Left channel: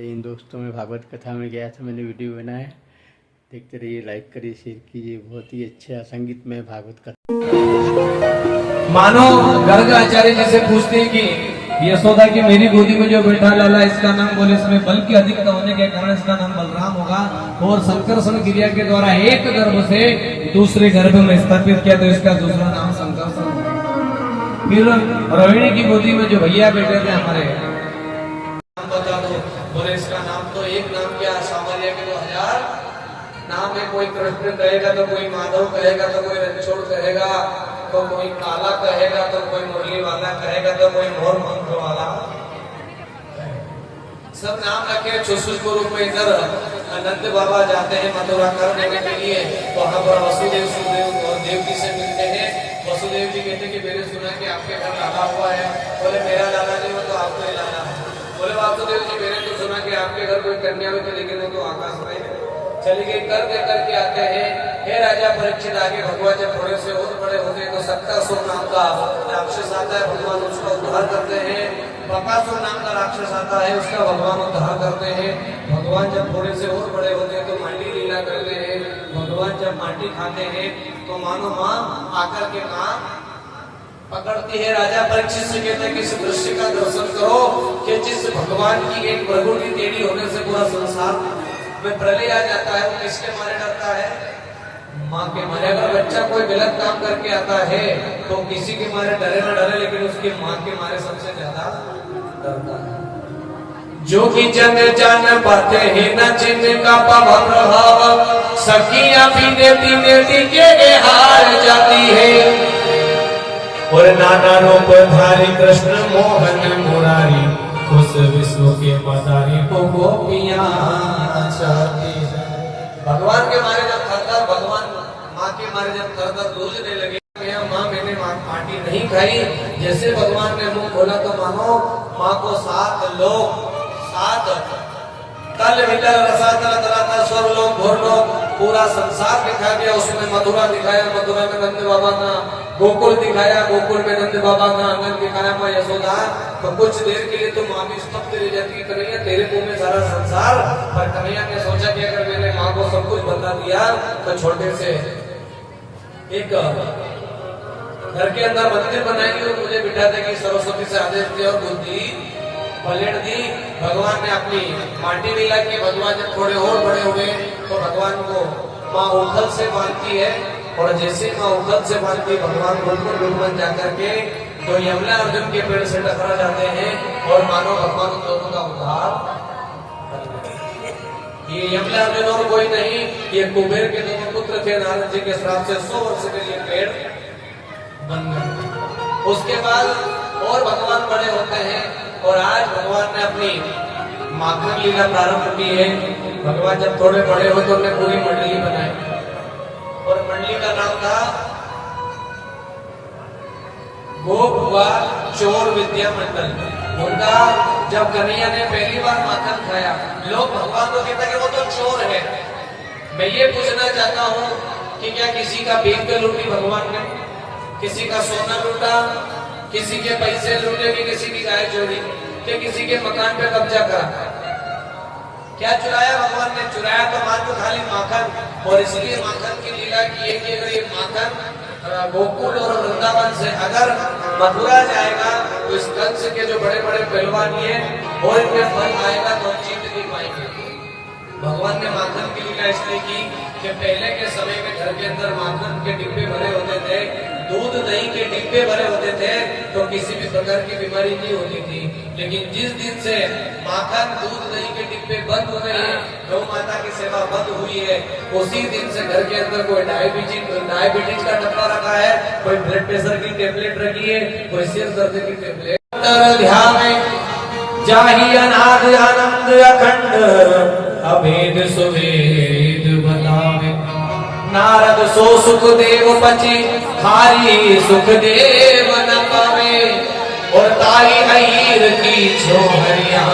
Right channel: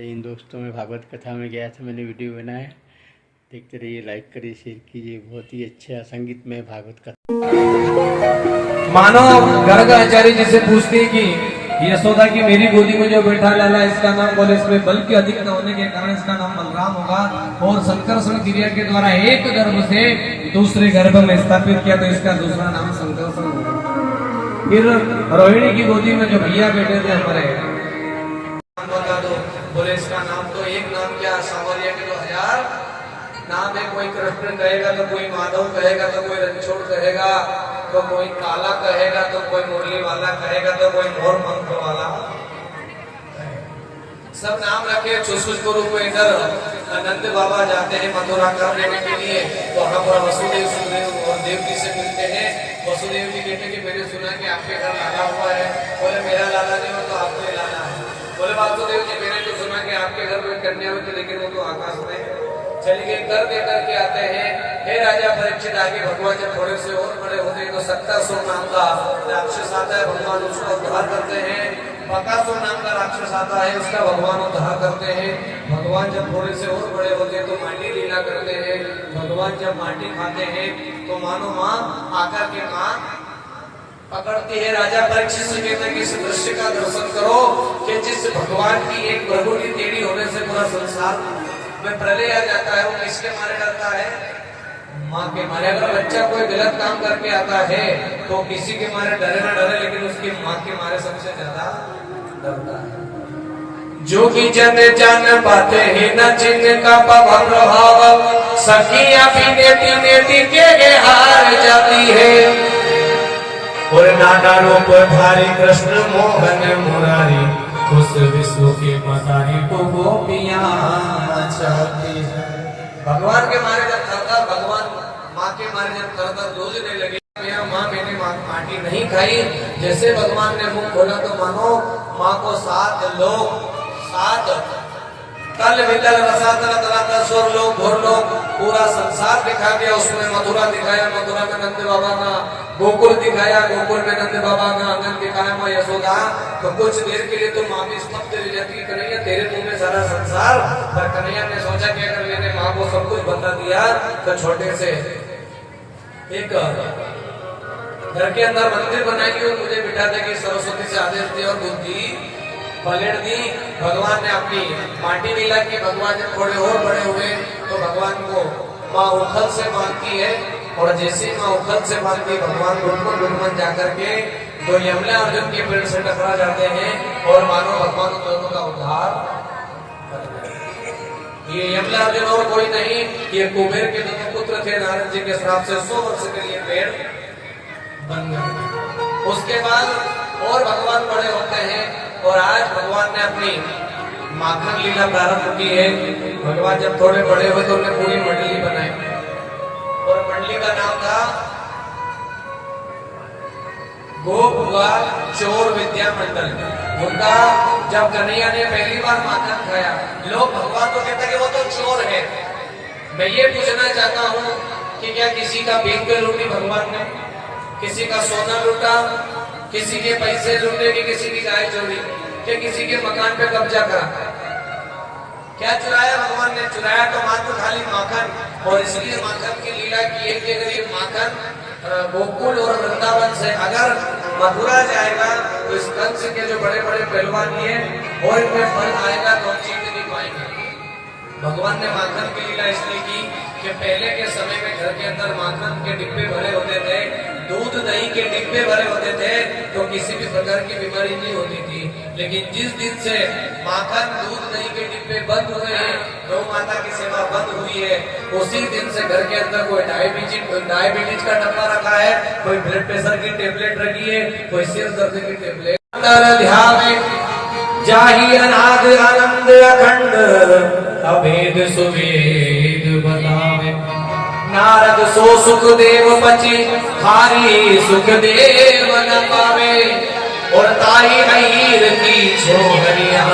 इन दोस्तों में भागवत कथा में गया था, मैंने वीडियो बनाया, देखते रहिए, लाइक करिए, शेयर कीजिए। बहुत ही अच्छा संगीतमय भागवत कथा। मानो गर्ग आचार्य जी से पूछते हैं कि यशोदा की मेरी गोदी में जो बैठा लाला इसका नाम बोले, इसमें बल की अधिकता होने के कारण इसका नाम बलराम होगा। और संकर्षण क्रिया के द्वारा एक गर्भ से दूसरे गर्भ में स्थापित किया तो इसका दूसरा नाम संकर्षण होगा। फिर रोहिणी की गोदी में जो भैया बैठे थे हमारे, बता दो, बोले इसका नाम तो एक नाम क्या, सावरिया के 2000 नाम है। कोई कृष्ण कहेगा तो कोई माधव कहेगा तो कोई रणछोड़ कहेगा तो कोई काला कहेगा तो कोई मुरली वाला कहेगा तो कोई मोर पंख वाला, सब नाम रखे। गुरु को इधर अनंत बाबा जाते हैं मथुरा कर देने के लिए, वहां पर वसुदेव सुदेव और देवकी से मिलते हैं। वसुदेव जी कहते कि मैंने सुना कि आपके घर लाला हुआ है। बोले मेरा लाला नहीं हो तो आपको लाना है। बोले वासुदेव जी मैंने तो सुना कि आपके घर कोई कन्या हो, लेकिन वो तो आकाश में है। चलिए करके आते हैं। हे राजा परीक्षित, आगे भगवान जब थोड़े से और बड़े होते हैं तो सत्तासुर नाम का राक्षस आता है, भगवान उसका उद्धार करते हैं। बकासुर नाम का राक्षस आता है, उसका भगवान उद्धार करते हैं। भगवान जब थोड़े से और बड़े होते हैं तो माटी लीला करते हैं। भगवान जब माटी खाते हैं तो मानो माँ आकर के माँ पकड़ती है। राजा परीक्षित से कहते कि इस दृश्य का दर्शन करो कि जिस भगवान की एक प्रभु की टेढ़ी होने से पूरा संसार में प्रलय आ जाता है, वो किसके मारे डरता है? माँ के मारे। अगर बच्चा कोई गलत काम करके आता है तो किसी के मारे डरे ना डरे, लेकिन उसकी माँ के मारे सबसे ज्यादा डरता है। जो कि जन जान पाते हैं न जिनका पावन प्रभाव, सखियां भी नेती के हार जाती है। और नाना रूप धारी कृष्ण मोहन मुरारी, उस विश्व के मदारी को गोपियां चाहती है। भगवान के मारे जब थर भगवान माँ के मारे जब थर दूजने लगे, माँ मैंने माटी नहीं खाई। जैसे भगवान ने मुंह खोला तो मानो माँ को 7 लोग 7 तल वितल रसातल तलातल स्वर्लोक घोरलोक पूरा संसार दिखा दिया। उसमें मथुरा दिखाया, मथुरा में नंद बाबा का गोकुल दिखाया, गोकुल में नंद बाबा का आंगन दिखाया माँ यशोदा। तो कुछ देर के लिए तो माँ भी स्तब्ध रह जाती, कन्हैया तेरे मुंह में सारा संसार। पर कन्हैया ने सोचा कि अगर मैंने माँ को सब कुछ बता दिया तो छोटे से एक घर के अंदर मंदिर बनाएंगे और मुझे बिठा देंगे। सरस्वती से आदेश दिया और बुद्धि पलट दी। भगवान ने अपनी माटी लीला की। भगवान जब थोड़े और बड़े हुए तो भगवान को माँ उखल से बांधती है, और जैसे माँ उखल से बांधती भगवान गुणगुण जाकर के जो यमुना अर्जुन के पेड़ से टकरा जाते हैं और मानो भगवान उन दोनों का उद्धार। ये यमुना अर्जुन और कोई नहीं, ये कुबेर के दोनों पुत्र थे। नारद जी के श्राप से 100 वर्ष के लिए पेड़ बन गए। उसके बाद और भगवान बड़े होते हैं और आज भगवान ने अपनी माखन लीला प्रारंभ की है। भगवान जब थोड़े बड़े हुए तो उन्हें पूरी मंडली बनाई, और मंडली का नाम था गोप ग्वाल चोर विद्या मंडल। उनका जब कन्हैया ने पहली बार माखन खाया, लोग भगवान को कहते कि वो तो चोर है। मैं ये पूछना चाहता हूँ कि क्या किसी का भीख लूटी भगवान ने? किसी का सोना लूटा, किसी के पैसे लूटे, कि किसी की गाय चोरी, कि किसी के मकान पे कब्जा करा? क्या चुराया भगवान ने? चुराया तो मात्र खाली माखन। और इसलिए माखन की लीला की है कि अगर ये माखन गोकुल और वृंदावन से अगर मथुरा जाएगा तो इस कंस के जो बड़े बड़े पहलवान हैं और इनमें फल आएगा तो जीत नहीं पाएंगे। भगवान ने माखन की लीला इसलिए की कि पहले के समय में घर के अंदर माखन के डिब्बे भरे होते थे, दूध दही के डिब्बे भरे होते थे, तो किसी भी प्रकार की बीमारी नहीं होती थी। लेकिन जिस दिन से माखन दूध दही के डिब्बे बंद हो गए, गौ माता की सेवा बंद हुई है, उसी दिन से घर के अंदर कोई डायबिटीज का डब्बा रखा है, कोई ब्लड प्रेशर की टेबलेट रखी है, कोई सिर दर्द की टेबलेट। जाहि अनाद आनंद अखंड अभेद सुवेद बतावे। नारद सो सुखदेव पची खारी सुखदेव न पावे। और ताई अहीर की छोहरिया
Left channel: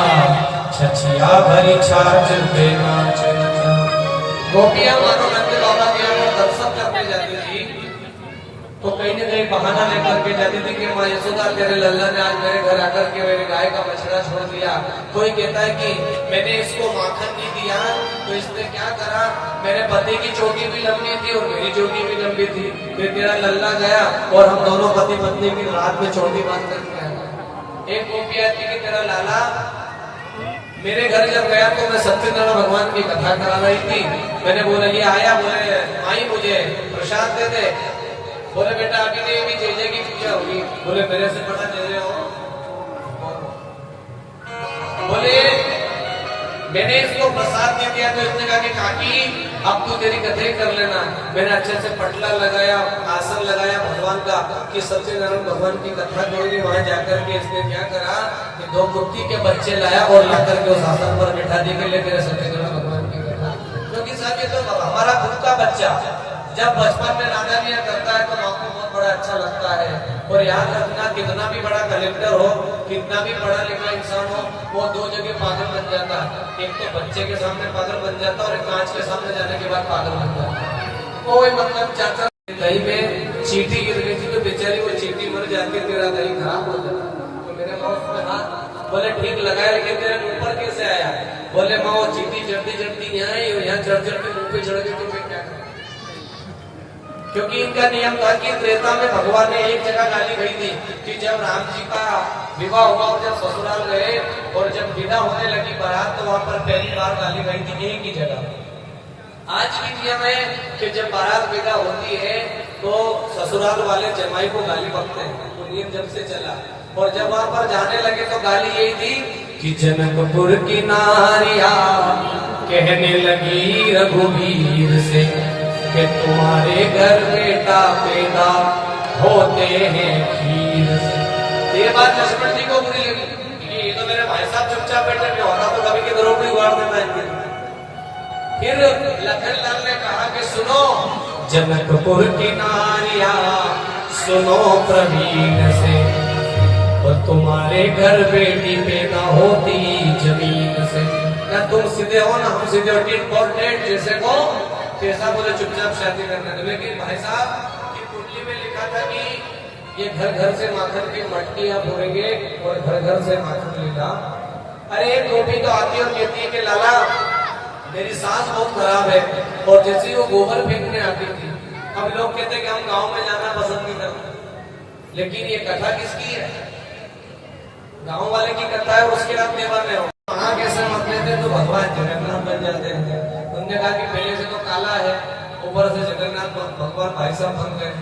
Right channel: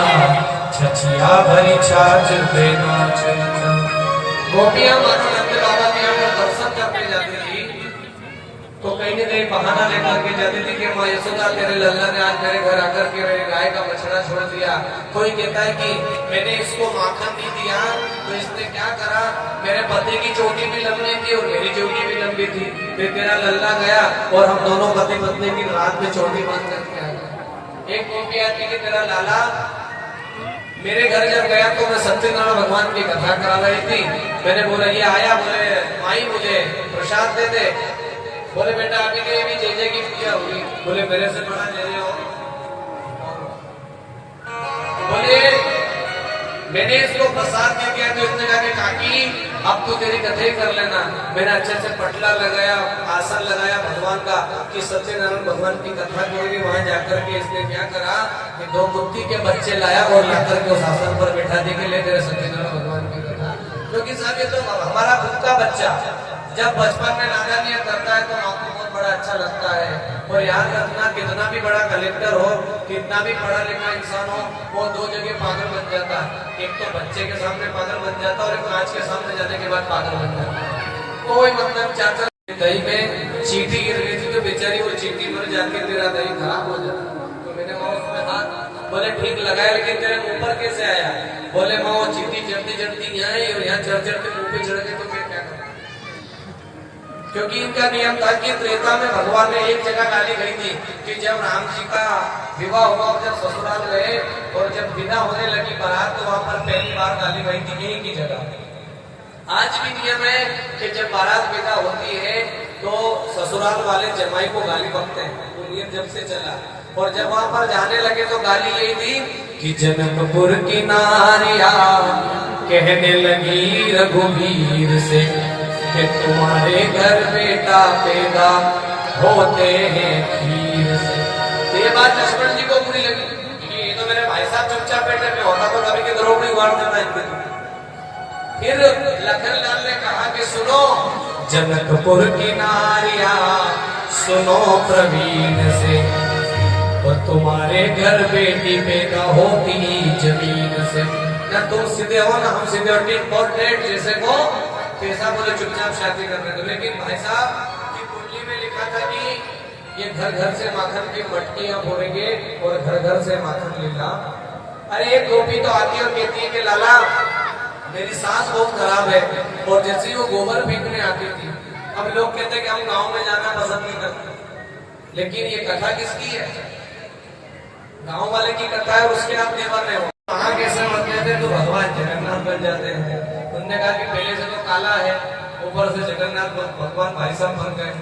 छछिया भरी छाछ पे नाच। गोपियां मानो नंद बाबा के यहाँ दर्शन करने जाती थी तो कहीं न कहीं बहाना लेकर के जाती थी कि माँ यशोदा तेरे लल्ला ने आज मेरे घर आकर के मेरे गाय का बछड़ा छोड़ दिया। कोई कहता है कि मैंने इसको माखन नहीं दिया तो इसने क्या करा, मेरे पति की चोटी भी लंबी थी और मेरी चोटी भी लंबी थी, फिर तेरा लल्ला गया और हम दोनों पति पत्नी की रात में चोटी बंद कर दिया। एक गोपी आती कि तेरा लाला मेरे घर जब गया तो मैं सत्यनारायण भगवान की कथा करा रही थी, मैंने बोला ये आया, बोले माई मुझे प्रसाद दे दे। बोले बेटा अभी के भी जेजे की क्या होगी, बोले मेरे से बड़ा जेजे हो। बोले मैंने इसको प्रसाद दे दिया तो इसने कहा कि काकी अब तू तेरी कथई कर लेना। मैंने अच्छे से पटला लगाया, आसन लगाया भगवान का कि सत्यनारायण भगवान की कथा जो होगी वहां जाकर के इसने क्या करा कि 2 मूर्ति के बच्चे लाया और लाकर के उस आसन पर बैठा दे के लेकर सत्यनारायण भगवान की कथा। क्योंकि साहब ये तो हमारा खुद का बच्चा जब बचपन में नादानियां करता है तो आपको बहुत बड़ा अच्छा लगता है। और याद रखना कितना भी बड़ा कलेक्टर हो, कितना भी पढ़ा लिखा इंसान हो, वो 2 जगह पागल बन जाता है। एक तो बच्चे के सामने पागल बन जाता है और एक कांच के सामने जाने के बाद पागल बन जाता है। कोई मतलब चाचा दही में चींटी गिर गई थी तो बेचारी वो चींटी मर जाके तेरा दही खराब हो जाता। तो मैंने माँ उसमें हाथ, बोले ठीक लगाया लेकिन तेरे मुंह पर कैसे आया। बोले माँ वो चींटी चढ़ती चढ़ती यहाँ आई और यहाँ चढ़ चढ़ के मुंह पे चढ़ गई तो फिर क्या करूं। क्योंकि इनका नियम था कि त्रेता में भगवान ने एक जगह गाली गई थी कि जब राम जी का विवाह हुआ और जब ससुराल गए और जब विदा होने लगी बारात तो वहां पर पहली बार गाली गई थी एक ही जगह। आज भी नियम है कि जब बारात विदा होती है तो ससुराल वाले जमाई को गाली बकते हैं, वो नियम जब से चला। और जब वहां पर जाने लगे तो गाली यही थी कि जनकपुर की नारिया कहने लगी रघुवीर से कि तुम्हारे घर बेटा पैदा होते हैं खीर से। तो ये बात लक्ष्मण जी को बुरी लगी कि ये तो मेरे भाई साहब चुपचाप बैठे में होता तो कभी के द्रोह को उगाड़ देता इनके। फिर लखन लाल ने कहा कि सुनो जनकपुर की नारिया सुनो प्रवीण से, और तुम्हारे घर बेटी पैदा होती जमीन से। या तुम सीधे हो ना हम सीधे होती इंपॉर्टेंट जैसे को कैसा बोले चुपचाप शादी करने दो। लेकिन भाई साहब की कुंडली में लिखा था कि ये घर घर से माखन की मटकियां फोड़ेंगे और घर घर से माखन लेगा। अरे एक गोपी तो आती है और कहती है कि लाला मेरी सास बहुत खराब है, और जैसे वो गोबर फेंकने आती थी। अब लोग कहते हैं कि हम गांव में जाना पसंद नहीं करते, लेकिन ये कथा किसकी है? गांव वाले की कथा है, उसके आप दीवाने हो। वहां कैसे मत कहते तो भगवान जगन्नाथ बन जाते हैं। उन्होंने कहा कि पहले से तो काला है, ऊपर से जगन्नाथ भगवान भाई साहब बन गए।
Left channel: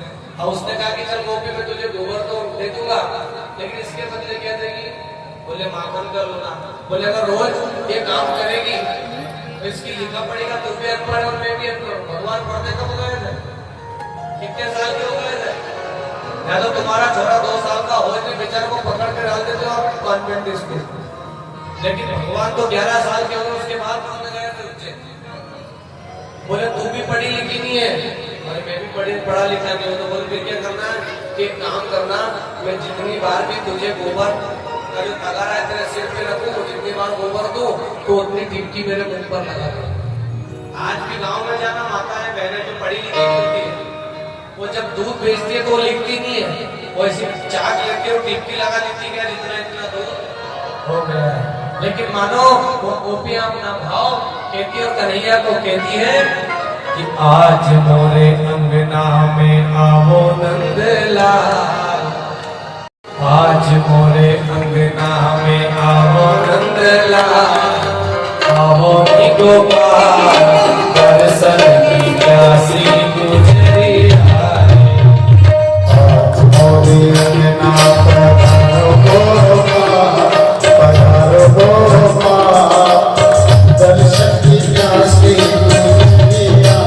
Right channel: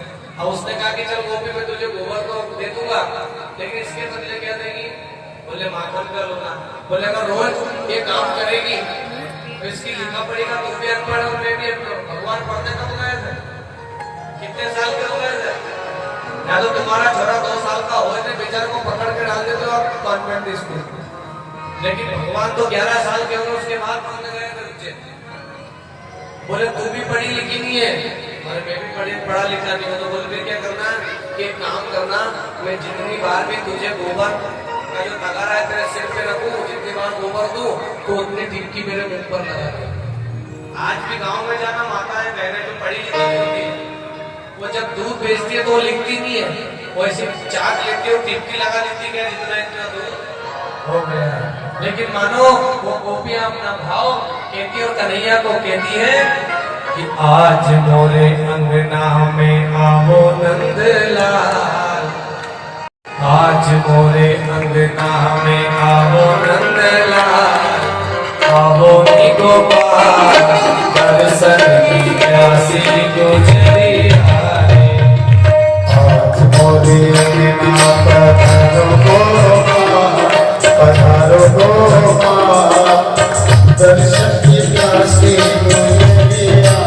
अब उसने कहा कि चल गोपी में तुझे गोबर तो दे दूंगा, लेकिन इसके बदले क्या देगी? बोले माखन कर लो ना। बोले अगर रोज ये काम करेगी तो इसकी लिखा पड़ेगा तो भी अनपढ़ और मैं भी अनपढ़। भगवान पढ़ते कब गए थे? कितने साल के हो गए थे? या तो तुम्हारा छोरा 2 साल का हो तो बेचारे को पकड़ के डाल देते हो आप कॉन्वेंट स्कूल, लेकिन भगवान तो 11 साल के हो उसके बाद पढ़ने गए थे उज्जैन। बोले तू भी पढ़ी लिखी नहीं है? अरे मैं भी पढ़ा लिखा नहीं हूँ। तो बोले फिर क्या करना कि एक काम करना, मैं जितनी बार भी तुझे गोबर का जो तगारा है तेरे सिर पे रखूं, जितनी बार गोबर दूं तो उतनी टिपकी मेरे मुंह पर लगा दे। आज भी गांव में जाना माताएं बहनें जो पढ़ी लिखी होती है वो जब दूध बेचती है तो वो लिखती नहीं है, वो ऐसी चाक लेती है और टिपकी लगा देती है इतना इतना दूध हो गया। लेकिन मानो वो गोपियां अपना भाव कहती और कन्हैया को कहती है कि आज मोरे अंगना में आवो नंदलाल, आज मोरे अंगना में आवो नंदलाल, आवो नी गोपाल दर्शन की प्यासी गुजरिया है। आज मोरे अंगना पधारो गोपाल, पधारो गोपाल दर्शन की प्यासी गुजरिया।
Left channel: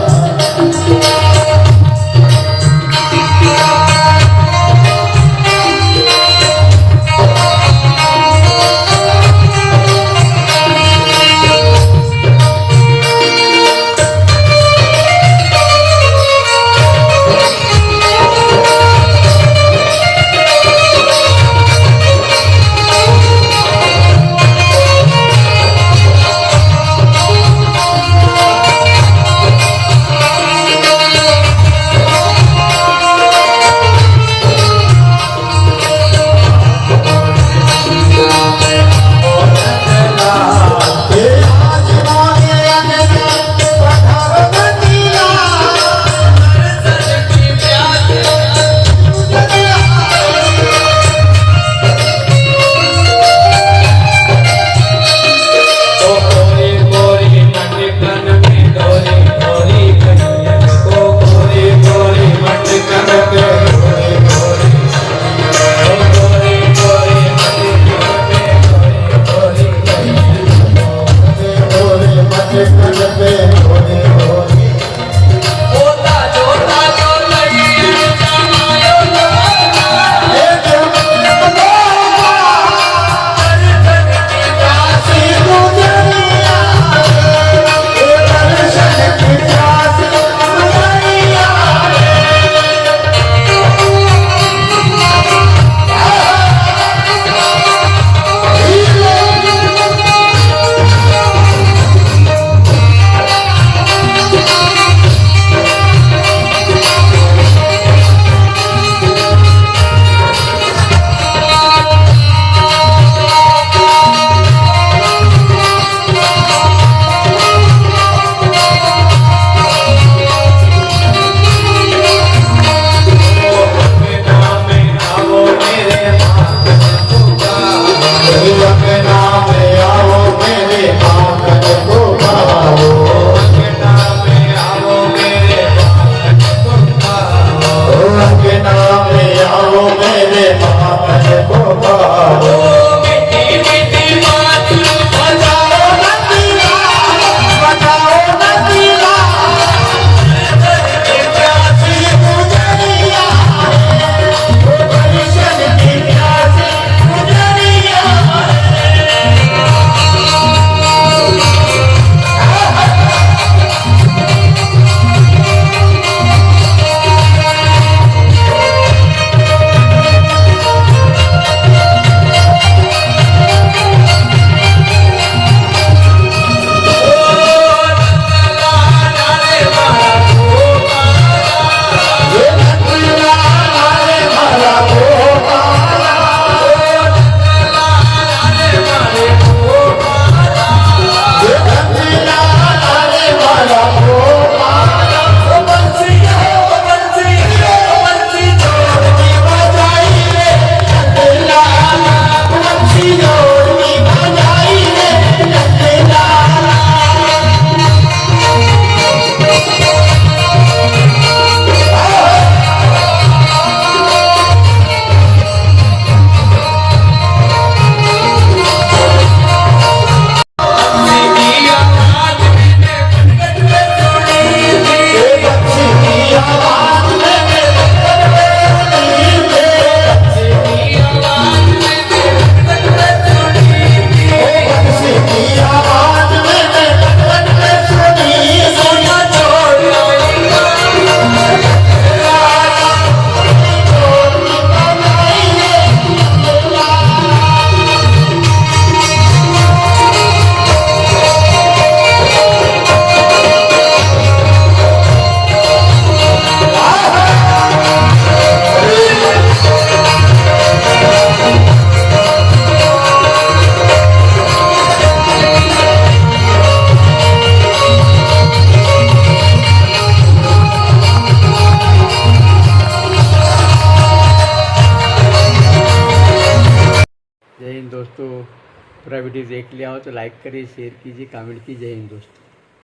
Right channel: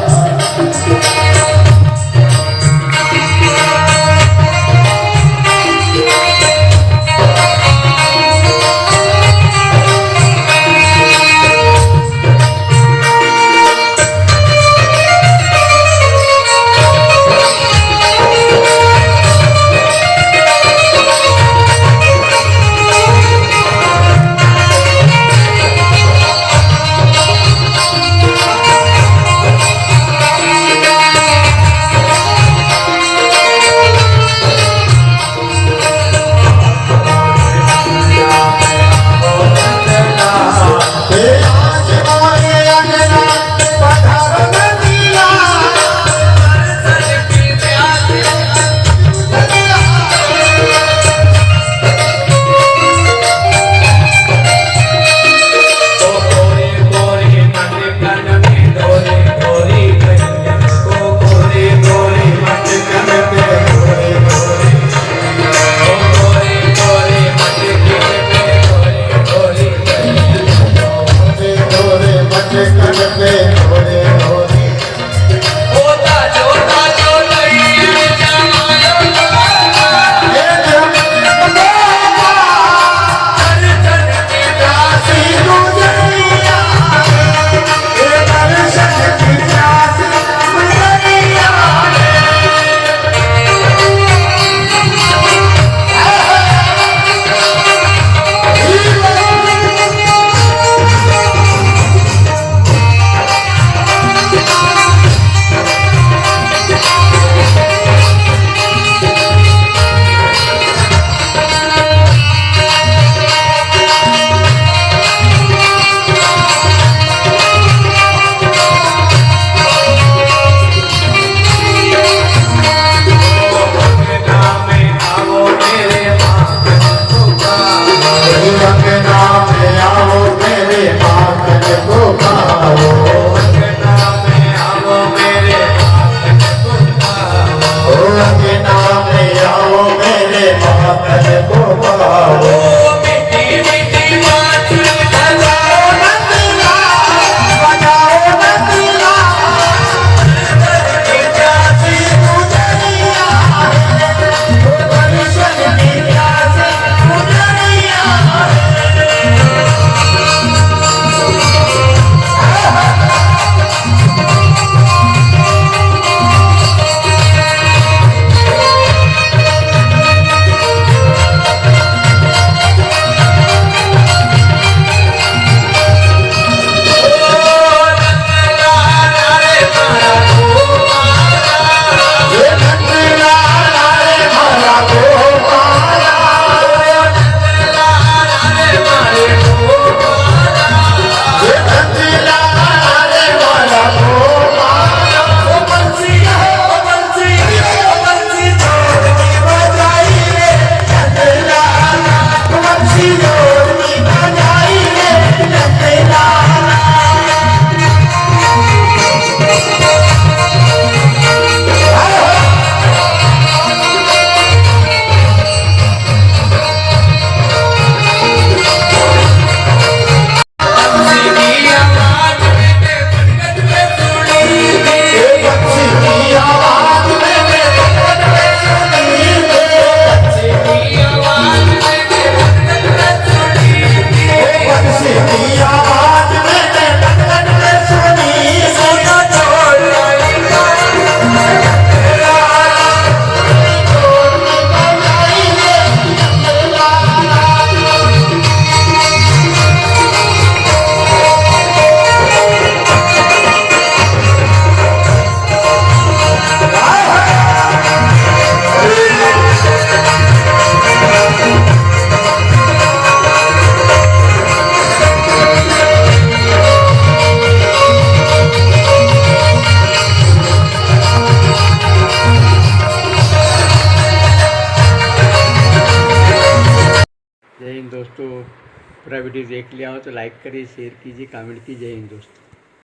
पूरा वीडियो देख लिया हो तो लाइक करिए, शेयर कीजिए, कमेंट कीजिए। जय हिंद दोस्तों।